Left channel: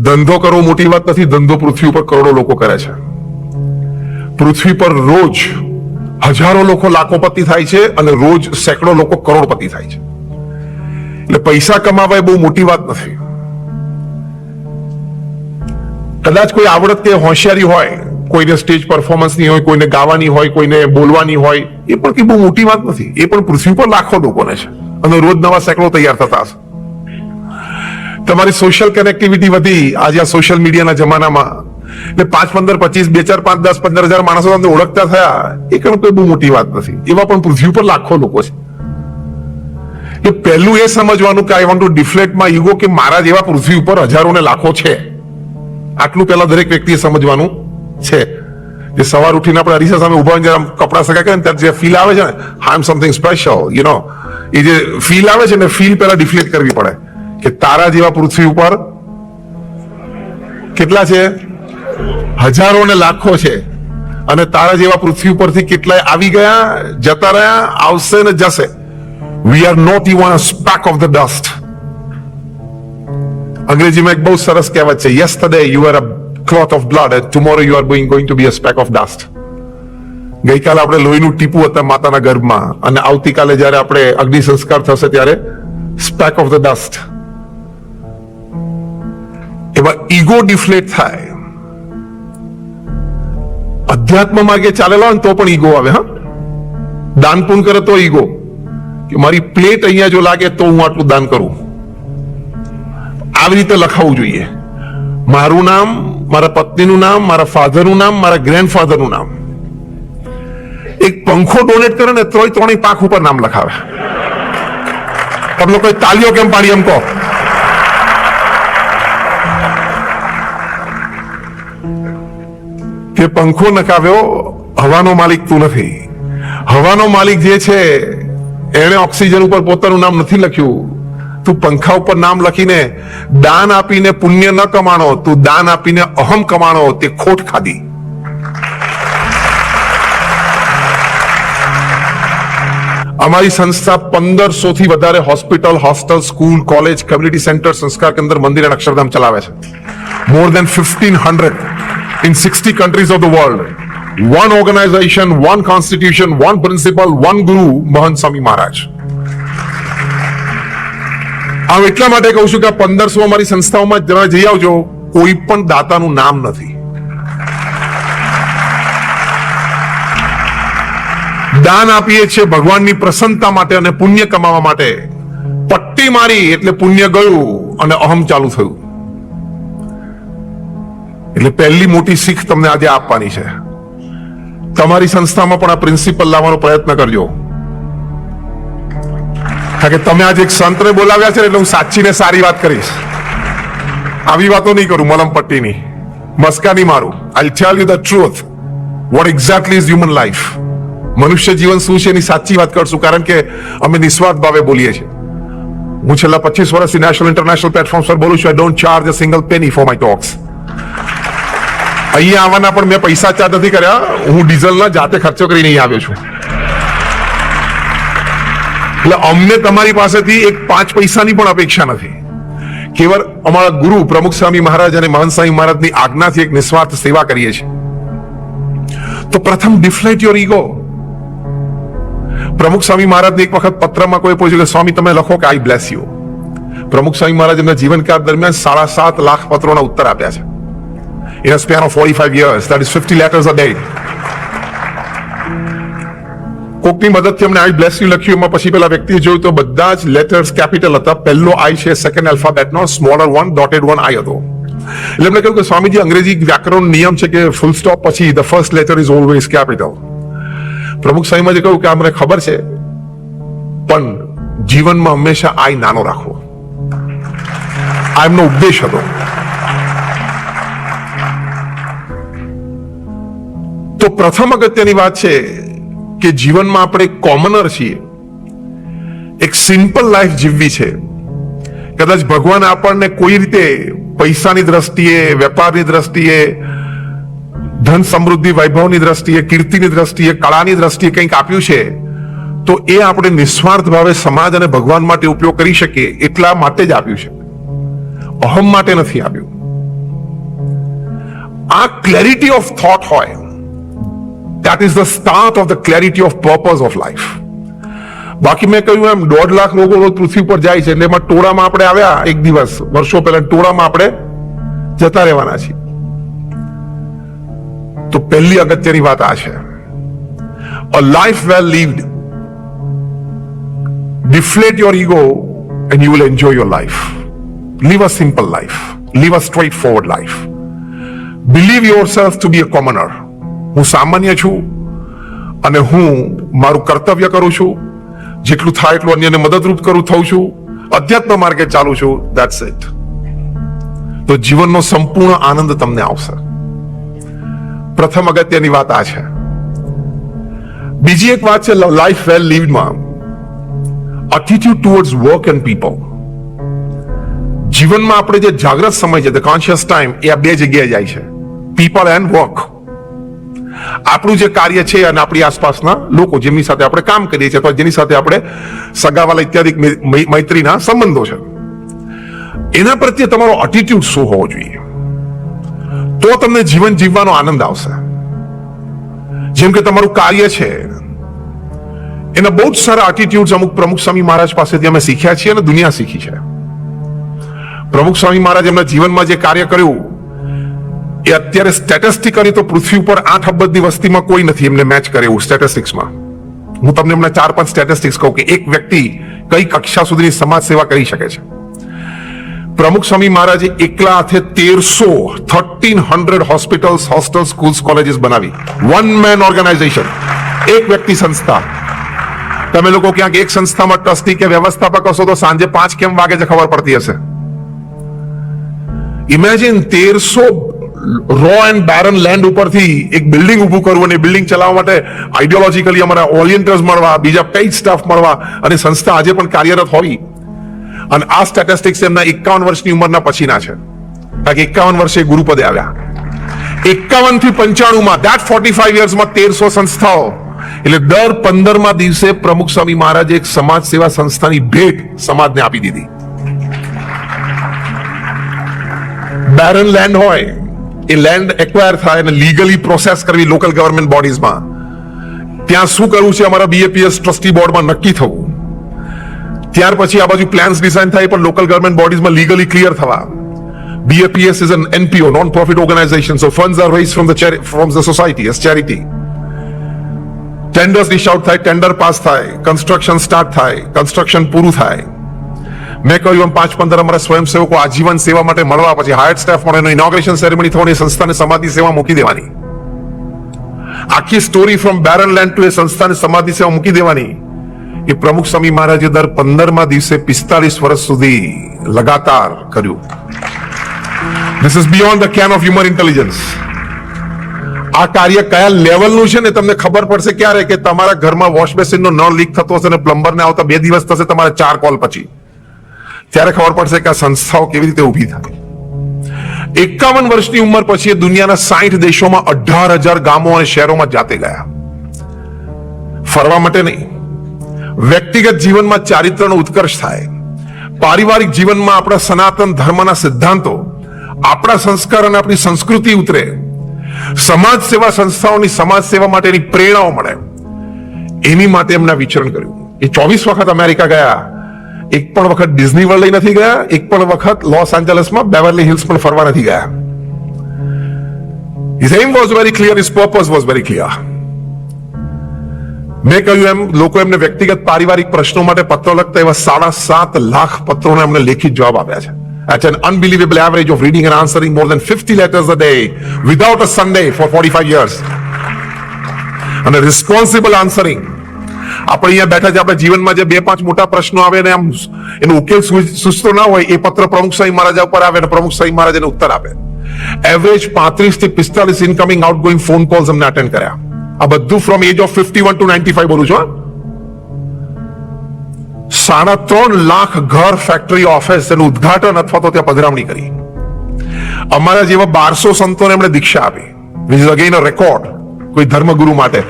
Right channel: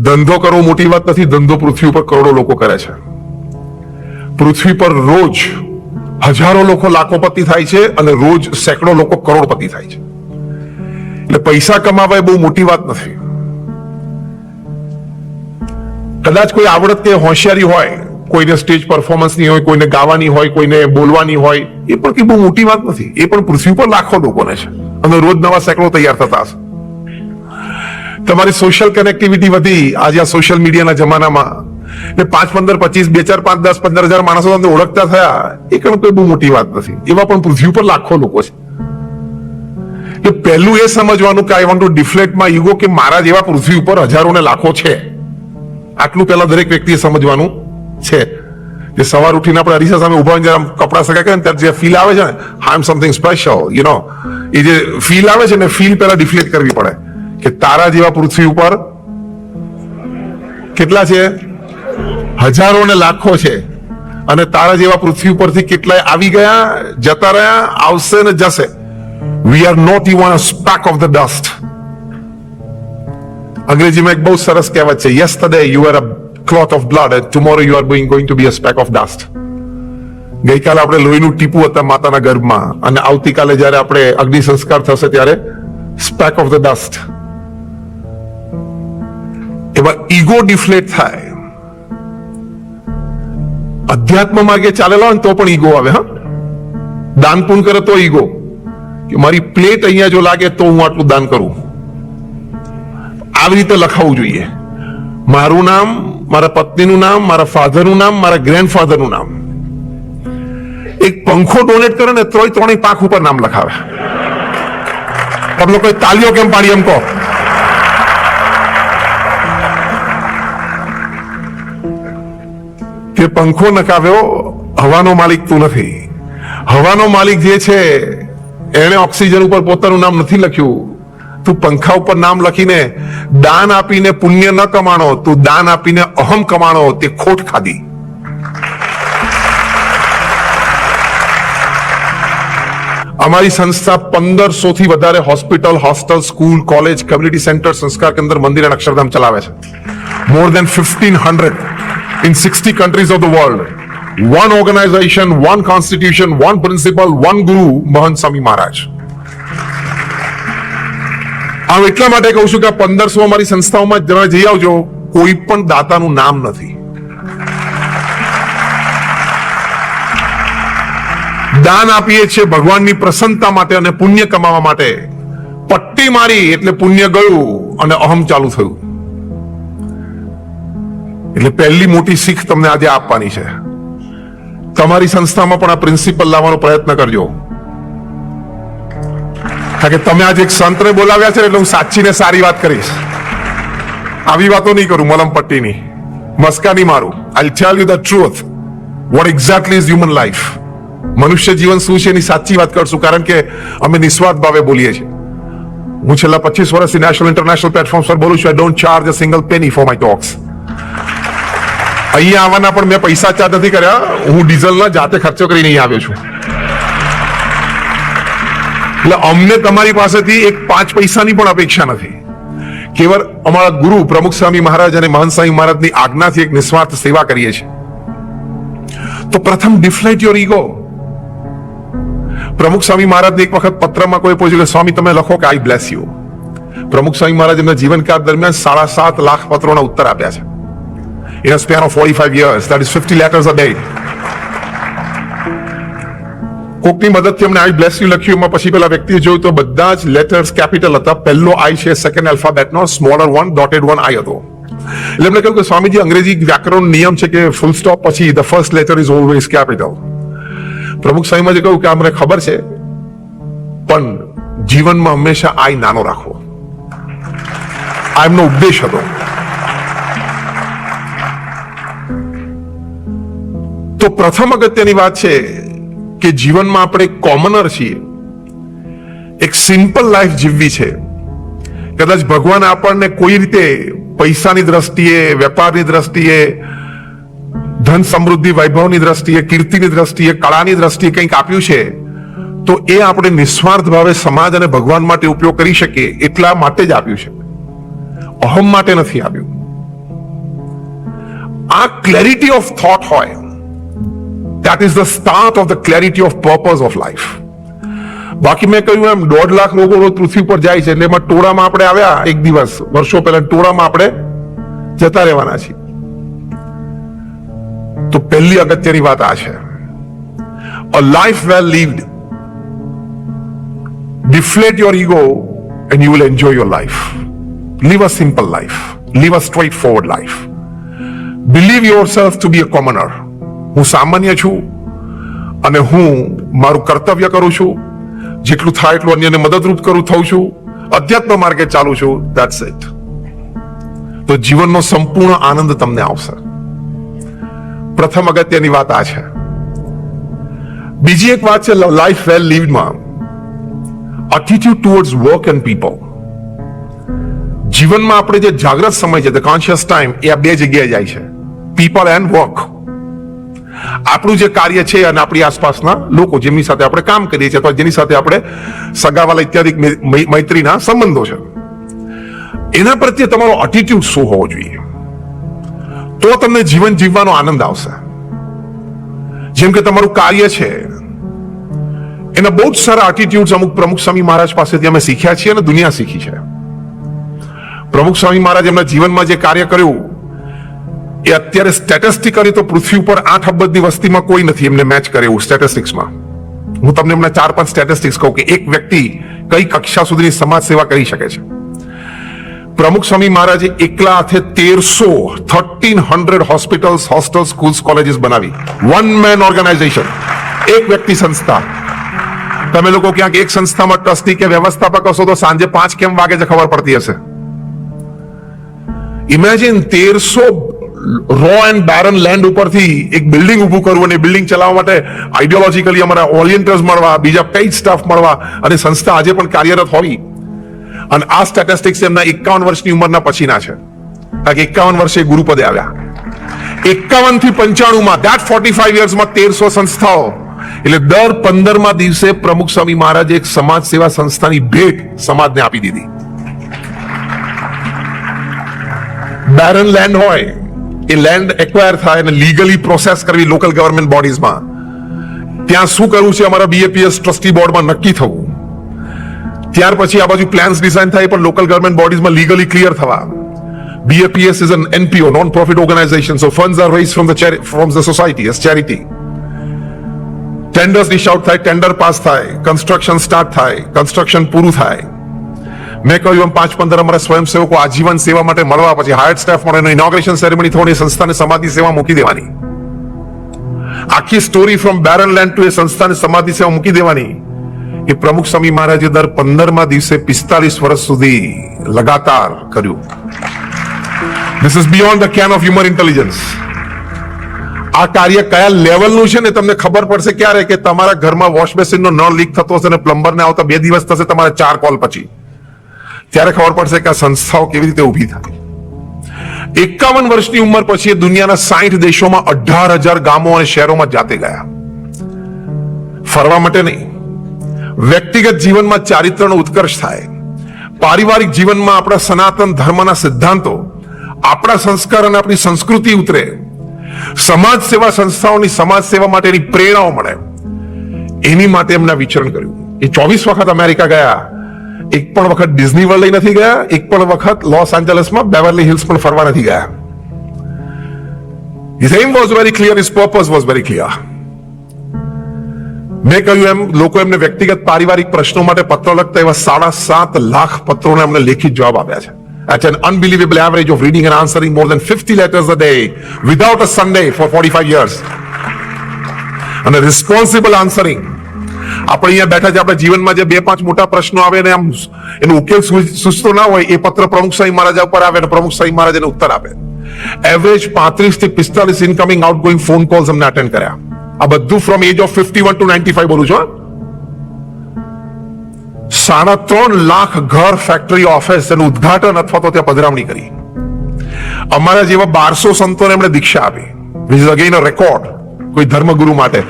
ધંધો કરવો મોટી વાત નથી, ધંધો પૃથ્વી ઉપર કરોડો લોકો કરે છે. પૃથ્વી પર રોજ હજારો લોકો લાખોપતિ થાય છે અને રોજ સેંકડો લોકો કરોડપતિ થાય છે. એટલે પૈસા કમાવા એ બહુ મોટી વાત નથી. કદાચ કોઈ આવડત કે હોશિયારી હોય, કોઈને સ્ટેજ પરફોર્મન્સની હોય, કોઈને ગાવાની હોય, કોઈને બોલવાની હોય, એ પણ કે બહુ મોટી વાત નથી. એ પણ પૃથ્વી પર લાખો લોકોને છે. અને રોજ નવા સેંકડો તૈયાર થતા હશે. તમારી સોશિયલ કનેક્ટિવિટી વધી. આજે આ સોશિયલ મીડિયાના જમાનામાં એટલે પાંચ પંદર પચીસ બે ચાર પાંચ દસ પંદર હજાર માણસો તમને ઓળખતા થયા, એ પણ કોઈ બહુ મોટી વાત નથી. એવા પણ પૃથ્વી પર લાખો લોકો છે. તો પહેલું એ સમજવાનું કે I want to deflect my ego કે મારા જેવા પૃથ્વી ઉપર હજારો ને લાખો છે. આટલું પહેલા દરેક વ્યક્તિએ સમજવાનું છે. કે સવાર ઉઠીને આપણે અરીસા સામે ઊભા જ્યારે કપડા સકે કે ત્યારે જે ફીલ આવે છે I am something special you know એ જે ફીલ આવે છે ને ફીલ પહેલા ડિફ્લેક્ટ કરવી પડે. કે તારા જેવા પૃથ્વી ઉપર કેટલા છે? હજારો ને લાખો છે. અને તારા જેવા પૃથ્વી ઉપરથી કેટલાય આવી ગયા? જતા રહ્યા, આવશે ને જશે. We are not even speck of the dust અંગ્રેજીમાં એક બહુ સરસ કહેવત છે yesterday you are a cloth of blood tomorrow you are going going to be a speck of dust ગઈકાલે આપણે લોહીનું ટીપું હતા માતાના ગર્ભમાં. અને આવતીકાલે જ્યારે આપણે અગ્નિ સંસ્કાર થશે ત્યારે speck of the dust ego deflate થાય. અધ્યાત્મ માર્ગે ચાલેલો હોય તો પણ ઈગો આવે, હા. દાન પણ કરે તો ઈગો કે મારી પ્લેટ અહીંયા જો લાગે તો હું આટલું દાન કરું. આવી રીતે લખાવવું જોઈએ. મારું નામ, મારા પત્નીનું નામ, મારા ફાધરનું નામ, મારા ગ્રેન્ડફાધરનું નામ. એક પંખો ડોનેટ કરે ને તોય ત્રણેય પાંખ ઉપર નામ લખાવે. તમે કોઈ તાલીઓ કેમ પાડી એમ કહો? કે પંખો નકાવ્યો હવાનો માલિક તું નથી. હવાનો માલિક જે છે, એણે ઓક્સિજન ઉપર પોતાનું નામ નથી લખ્યું. તું પંખા ઉપર નામ લખીને દાન આપીને પુણ્ય ન કમાણો, તું દાન આપીને અહમ કમાણો, તે ખોટ ખાધી. અમારી સંસ્થા પંદરસો થી વધારે hospital, hostel, school, college, community centre, સંસ્કાર કેન્દ્ર, મંદિર અને અક્ષરધામ ચલાવે છે. More than fifteen hundred. In 60 countries of the world. One organization, one constitution, one principle, one guru, મહંત Swami Maharaj. હું એટલા માટે કહું છું કે પંદરસો અમારી સંસ્થાઓમાં તમે જઈ આવજો કોઈ પણ દાતાનું નામ નથી દાન આપીએ છીએ ભગવાનની પ્રસન્નતા માટે અને પુણ્ય કમાવા માટે પટ્ટી મારી એટલે પુણ્ય ગયું અને અહમ ચાલુ થયું એટલે પહેલી મોટી શીખ તમને આજે આપવાની છે. તમારી સંસ્થામાં પણ આ પ્રિન્સિપલ લાવવાનો પ્રયત્ન કરજો. કારણ કે તમે આજે એક સંતને બોલાવ્યા છે એટલે હું સાચી ને સારી વાત કરીશ. આવી વાતો નહીં કરું, મલમ પટ્ટીની. મસ્કા નહીં મારું. I tell you the truth what exactly is human life મનુષ્ય જીવન શું છે એની સાચી વાત કરશું, કારણ કે અમે નિસ્વાર્થ ભાવે બોલીએ છીએ. હું છેલ્લા પચીસ વર્ષથી નેશનલ ઇન્ટરનેશનલ પ્લેટફોર્મ પર બોલું છું. I don't charge a single penny for my talks અહીંયા આવવાના પણ મેં પૈસા ચાર્જ નથી કર્યા. હું ડીઝલના જાતે ખર્ચો કરી લઈ આવ્યો છું. એટલે અમને તમારી પાસેથી એક પાંચ પૈસાની પણ અપેક્ષા નથી. કેવળ અમારા ગુરુ પ્રમુખ સ્વામી મહારાજ અને મહાન સ્વામી મહારાજની આજ્ઞાથી એક નિસ્વાર્થ સેવા કરીએ છીએ. તો પ્રથમ ડિફ્લેટ યોર ઈગો પ્રમુખ સ્વામી મહારાજને એક વખત પત્રમાં કોઈ પૂછ્યું કે, સ્વામી, તમે લખો કે આઈ બ્લેસ યુ પ્રમુખ સ્વામી મહારાજ એમના જીવનકાળ દરમિયાન સાડા સાત લાખ પત્રોના ઉત્તર આપ્યા છે. In a span of 45 years. That is 50 letters a day. કોકની મદદથી અમને આઈ બ્લેસ લખ્યું, એમાં પછી પેલા વ્યક્તિએ જોયું તો બધા જ લેટર્સ કેપિટલ હતા પહેલો આઈ છે second એલ્ફાબેટનો smaller one dotted one I હતો એટલે એમણે કહ્યું કે સ્વામીજી, અંગ્રેજી વ્યાકરણ નિયમ છે કે ફૂલ સ્ટોપ પછી the first letter is always capital Pramukh Swamiji કહ્યું કે અમને ખબર છે, પણ જીવનમાં હંમેશા આઈ નાનો રાખવો આ એમનો ઉદ્દેશ હતો તો પ્રથમ અગત્યની વાત છે કે જીવનમાં આપણે કોમનર છીએ. એક સિમ્પલ લાઈફ જીવવી છે. કદાચ ભગવાન આપણને કોઈ રીતે પૈસાની દ્રષ્ટિએ, વેપારની દ્રષ્ટિએ, ધન સમૃદ્ધિ, વૈભવની દ્રષ્ટિએ, કીર્તિની દ્રષ્ટિએ, કળાની દ્રષ્ટિએ કંઈક આપ્યું છે, તો એ આપણે નિસ્વાર્થ ભાવે સમાજ અને ભગવાન માટે ઉપયોગ કરી શકીએ, એટલા માટે જ આપ્યું છે. અહમ માટે નથી આપ્યું. આ ક્લેરિટી ઓફ થોટ હોય. That is the start of the clarity of purpose of life બાકી મેં કહ્યું એમ દોઢ લાખ લોકો પૃથ્વી પર જાય છે એટલે એમાં ટોળામાં આપણે આવ્યા એક દિવસ વર્ષો પહેલા ટોળામાં આપણે જતા રહેવાના છીએ તો પહેલી અગત્યની વાત આ છે a life well lived deflate your ego and you will enjoy your life live a simple life live a straightforward life believe yourself to be a commoner હું સામાન્ય છું અને હું મારું કર્તવ્ય કરું છું. જેટલું થાય એટલું અન્યને મદદરૂપ કરું, થઉં છું. અધ્યાત્મ માર્ગે ચાલુ છું. ધેટ્સ ઇટ તો જીવનનો સંપૂર્ણ આનંદ તમને આવશે પ્રથમ અગત્યની વાત આ છે. બીજી એક વાત છે life well લીવમાં attitude towards work and people જીવનમાં આપણે જે જાગ્રત સમય છે ધ કોન્શિયસ ટાઈમ એ આ બે જગ્યાએ જાય છે. પીપલ એન્ડ વર્ક આપણું જે કાર્ય છે અને આપણી આસપાસના લોકો જેમની સાથે આપણે કામ કરીએ છીએ, અથવા જેની સાથે આપણે સગાવાલા ઇત્યાદિ મૈત્રીના સંબંધો છે. એના પ્રત્યે તમારો એટીટ્યુડ શું હોવો જોઈએ? તો તમને જીવન જીવવાનો આનંદ આવશે. જેમ કે તમારું કાર્ય છે, એના બહુ જ સારા એટીટ્યુડ અમુક પ્રમુખ સ્વામી મહારાજ પાસેથી અમે શીખ્યા છીએ અને દુનિયા શીખી છે. પ્રમુખ સ્વામી મહારાજ એમના જીવનમાં જે કાર્ય કર્યું એ અત્યારે સ્ટેટિસ્ટિકલી તો પૃથ્વી ઉપર આઠ અબજની વસ્તીમાં કોઈ નથી. એમને મેચ કરે એવું સ્ટેટિસ્ટિક્સમાં હું તમને એમના ચાર પાંચ સ્ટેટિસ્ટિક્સ કહું કે એક વ્યક્તિ કઈ કક્ષા સુધીની સમાજ સેવા કરી શકે છે. પ્રમુખ સ્વામી મહારાજે એકલા હાથે તેરસો thirteen hundred hospitals hostel schools colleges બનાવી. વન મેન ઓર્ગેનાઇઝેશન એક વ્યક્તિ સંસ્થા. તમે લોકો ક્યાંક એક સંસ્થામાં ટ્રસ્ટી કે વ્યવસ્થાપક હશો તો સાંજે પાંચ કેમ વાગે છે ખબર પડતી હશે? ઇમેજિન તેરસો રો એન્ડ બેરન લેન્ડ ઉપરથી એક બિલ્ડિંગ ઊભું કરવું અને બિલ્ડિંગ ચલાવવા માટે આઈડિયોલોજીકલી અમારા ઓરિયન્ટર્સ મળવા, બીજા કઈ સ્ટાફ મળવા અને સંસ્થા આજે પણ કાર્યરત હોવી અને આ સ્ટેટિસ્ટિક્સ એમના એકાવન વર્ષની ઉંમરના પછીના છે. કારણ કે એકાવન વર્ષે ગુરુપદે આવ્યા. એકાવનથી પંચાણું માં, that 45 યર્સમાં તેરસો સંસ્થાઓ. એટલે દર પંદરમા દિવસે પ્રમુખ સ્વામી મહારાજે એક સમાજ સેવા સંસ્થાની ભેટ સમાજને આપી દીધી. બેરન લેન્ડ હોય. એ લેન્ડ એક્વાયર થાય અને લીગલી પ્રોસેસ કરવી લોકલ ગવર્મેન્ટ બોડીઝમાં ત્યાં શું કરવું છે અમારા બીએપીએસ ટ્રસ્ટી બોર્ડમાં નક્કી થવું. ત્યાર પછી આ બધી પ્લાન્સ ડિઝાઇન થાય પણ લોકલ ગવર્મેન્ટ બોડીઝમાં લીગલી ક્લિયર થવા BAPS is an NPO, non-profit organization, so funds are raised from the chari- from the society as charity. Tenders dish out થાય ટેન્ડર પાસ થાય કન્સ્ટ્રક્શન સ્ટાર્ટ થાય construction પૂરું થાય. મેં કહ્યું એમ, પાંચ પંદર અમારા સ્વયંસેવકો આજીવન સેવા માટે મળવા પછી હાયર સ્ટાફ મળે ઇનોગ્રેશન સેરેમની થવાની સંસ્થાને સમાધિ સેવા મૂકી દેવાની. આખી story from barren land to એ સંસ્થાને સમાધિ સેવા મૂકી દેવાની. એ પ્રમુખ સ્વામી મહારાજે દર પંદરમા દિવસે પિસ્તાલીસ વર્ષ સુધી લગાતાર કર્યું. This is beyond the can of human intelligence. આ કાર્ય કયા લેવલનું છે ને તમને ખબર પડશે ક્યારે? કે તમારા ઘરમાં વોશ બેસિનનો નળ લીક થતો હશે અને પ્લમ્બરને આવતા બે દિવસ થશે તમારા ચાર કોલ પછી. ત્યારે ખબર પડશે કે આ સંસ્થાઓ કેવી રીતે ઊભી થઈ એકાવન વર્ષની ઉંમર પછી દુનિયાના સાઠ દેશોમાં અઢાર હજાર ગામો અને શહેરોમાં જાતે ગયા. ફરવા માટે નહીં. વ્યક્તિગત જીવનમાં ચારિત્રનો ઉત્કર્ષ થાય. પારિવારિક જીવનમાં આપણા સનાતન ધર્મના સિદ્ધાંતો, આપણા સંસ્કાર અને આપણી સંસ્કૃતિ ઉતરે. સમાજ સેવા સંસ્થાઓની સમાજ સેવા માટેની પ્રેરણાઓ મળે. એની માટે એમના વિચરણ કર્યું. એ ચોવીસ વખત અમેરિકા ગયા. એક પણ વખત ડિઝની વર્લ્ડ નથી ગયા એક પણ વખત લોસ એન્જલસમાં બેવરલી હિલ્સ પણ ફરવા નથી ગયા His aim was very clear, his purpose was very clear. મેં કહ્યું એમ લોકો એમને વ્યક્તિગત પારિવારિક પ્રશ્નો માટે પત્રો લખતા એવા સાડા સાત લાખ પત્રોને એમને લેખિત જવાબ આપ્યા છે At an unbelievable average of reading and answering more than 50 letters a day without a Sunday for 45 years. અને રિસ્પોન્સિબલ આન્સરિંગ આપણે અહીંયા બેઠા છે આપણે જીવનમાં જે બે પાંચ મોટા પ્રશ્નો આવે ને આમ એનો ઉકેલ સસ્તો ના હોય, એ પત્ર પ્રમુખ સાહેબ મહારાજ ઉપર આવે અને પ્રમુખ સાહેબ મહારાજ એને ઉત્તર આપે. એવરેજ પાંત્રીસથી પિસ્તાલીસ ઇનકમિંગ આઉટગોઈંગ ફોન કોલ્સ અમને અટેન્ડ કર્યા. આ બધું from age of fifty one to ninety five બોલું છું સાડા ત્રણ લાખ ઘર ફેક્ટરી ઓફિસ એનું ઉદઘાટન અથવા તો ત્યાં પધરામણી કરી. અમારા જેવા બારસો સંતોને એમણે દીક્ષા આપી. વિચ ઇઝ અગેન રેકોર્ડ કોઈ ધર્મગુરુ માટે.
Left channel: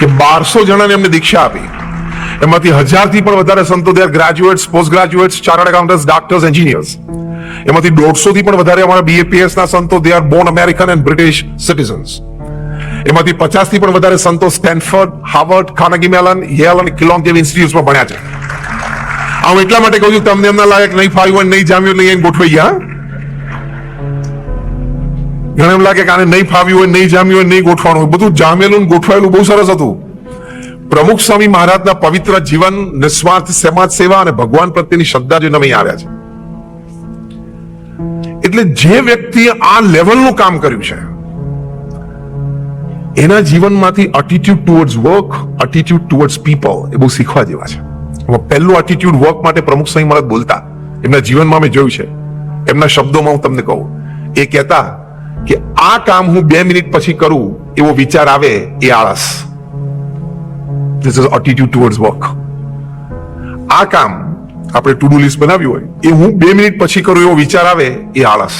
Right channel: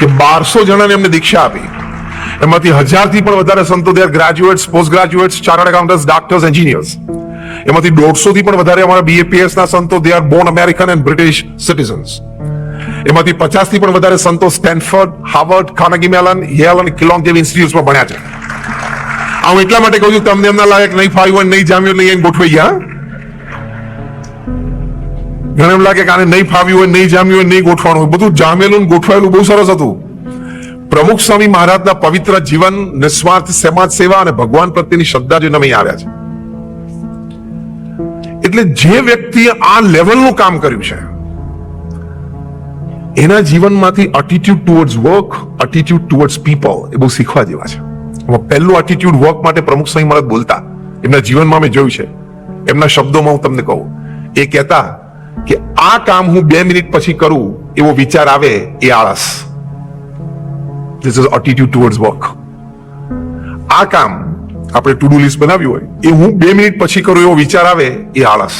કે બારસો જણાને એમને દીક્ષા આપી. એમાંથી હજારથી પણ વધારે સંતો graduates post graduates chartered accountants doctors engineers એમાંથી દોઢસો થી પણ વધારે અમારા બીએપીએસ ના સંતો they are born American and British citizens એમાંથી પચાસથી પણ વધારે સંતો Stanford Harvard Carnegie Mellon Yale અને કિલોંગ જેવી ઇન્સ્ટિટ્યુટમાં ભણ્યા છે. હું એટલા માટે કહું છું, તમને એમના લાગે કે નહીં ફાવ્યું નહીં જામ્યું નહીં ગોઠવાઈ ગયા. ઘણા એમ લાગે કે આને નહીં ફાવ્યું હોય, નહીં જામ્યું હોય, નહીં ગોઠવાનું હોય. બધું જામેલું ગોઠવાયેલું બહુ સરસ હતું. પ્રમુખ સ્વામી મહારાજના પવિત્ર જીવન, નિસ્વાર્થ સમાજ સેવા અને ભગવાન પ્રત્યેની શ્રદ્ધા જોઈને અમે આવ્યા છે એટલે જે વ્યક્તિએ આ લેવલનું કામ કર્યું છે, એના જીવનમાંથી attitude towards work attitude towards people એ બહુ શીખવા જેવા છે. પહેલું એટીટ્યુડ વર્ક માટે પ્રમુખ સ્વામી મને બોલતા. એમના જીવનમાં મેં જોયું છે. એમના શબ્દોમાં હું તમને કહું. એ કહેતા આ કામ હું બે મિનિટ પછી કરું, એવો વિચાર આવે એ આળસ. This is attitude towards work આ કામ આપણે ટુ ડુ લિસ્ટ બનાવ્યું હોય, એ હું બે મિનિટ પછી કરું એવો વિચાર આવે એ આળસ.